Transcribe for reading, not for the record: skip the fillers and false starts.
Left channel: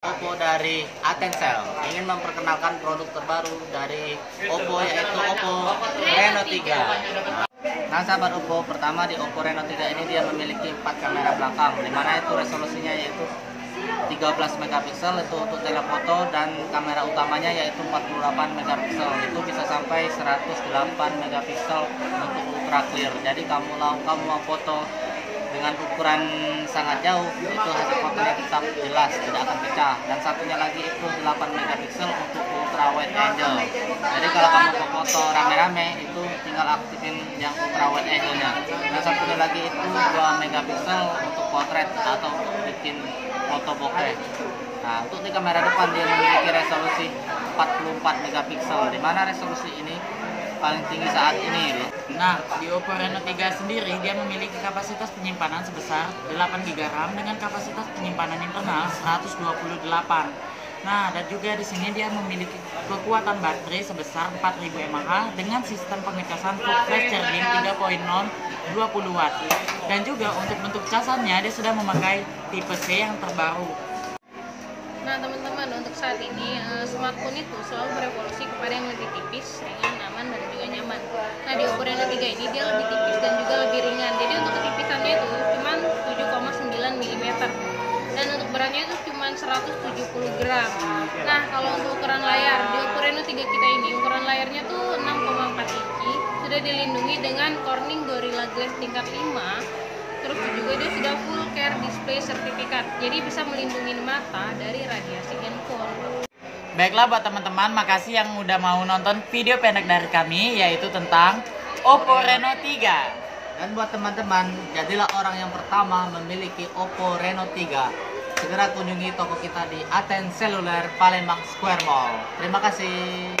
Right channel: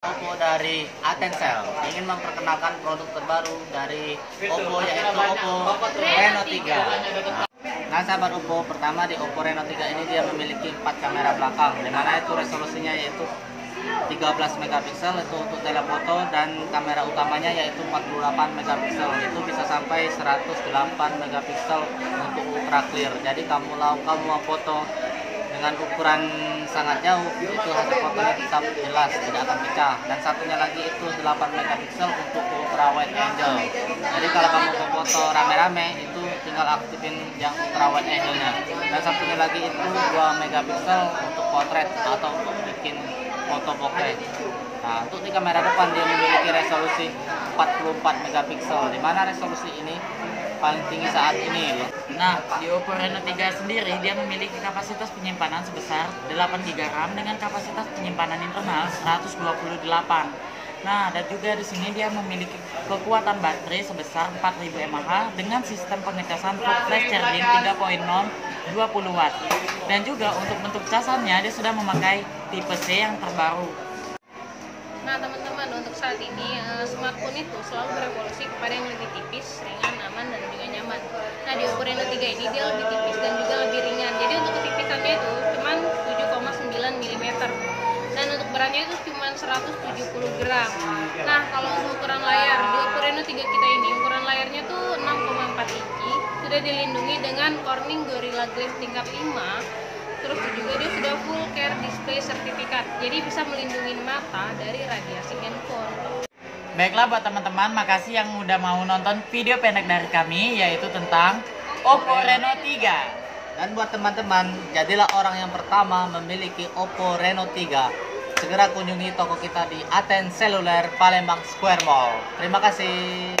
Oppo dari Atensel ingin memperkenalkan produk terbaru dari Oppo, yaitu Oppo Reno 3. Nah sahabat Oppo, pertama di Oppo Reno 3 ini dia memiliki 4 kamera belakang, dimana itu resolusinya yaitu 13 megapiksel itu untuk telefoto, dan kamera utamanya yaitu 48 megapiksel, itu bisa sampai 108 megapiksel untuk ultra clear. Jadi kamu mau foto dengan ukuran sangat jauh, itu hasil fotonya tetap jelas, tidak akan pecah. Dan satunya lagi itu 8 megapiksel untuk ultra wide angle. Jadi kalau kamu mau foto rame-rame itu tinggal aktifin yang ultra wide angle-nya. Dan satunya lagi itu 2 megapiksel untuk potret atau bikin foto bokeh. Nah, untuk di kamera depan dia memiliki resolusi 44 megapiksel, di mana resolusi ini paling tinggi saat ini loh. Nah, di Oppo Reno 3 sendiri dia memiliki kapasitas penyimpanan sebesar 8 GB RAM dengan kapasitas penyimpanan internal 128. Nah, dan juga di sini dia memiliki kekuatan baterai sebesar 4000 mAh dengan sistem pengecasan full flash charging 3.0 20 watt. Dan juga untuk bentuk casannya dia sudah memakai tipe C yang terbaru. Nah teman-teman, untuk saat ini smartphone itu selalu berevolusi kepada yang lebih tipis, ringan, aman, dan juga nyaman. Nah di Oppo Reno 3 ini dia lebih tipis dan juga lebih ringan. Jadi untuk ketipisannya itu cuma 7,9 mm dan untuk beratnya itu cuma 170 gram. Nah kalau untuk ukuran layar di Oppo Reno 3 kita ini, ukuran layarnya tuh 6,4 inci, sudah dilindungi dengan Corning Gorilla Glass tingkat 5. Terus juga dia sudah full care display sertifikat, jadi bisa melindungi mata dari radiasi handphone. Baiklah buat teman-teman, makasih yang udah mau nonton video pendek dari kami, yaitu tentang Oppo Reno 3. Dan buat teman-teman, jadilah orang yang pertama memiliki Oppo Reno 3. Segera kunjungi toko kita di Aten Seluler Palembang Square Mall. Terima kasih.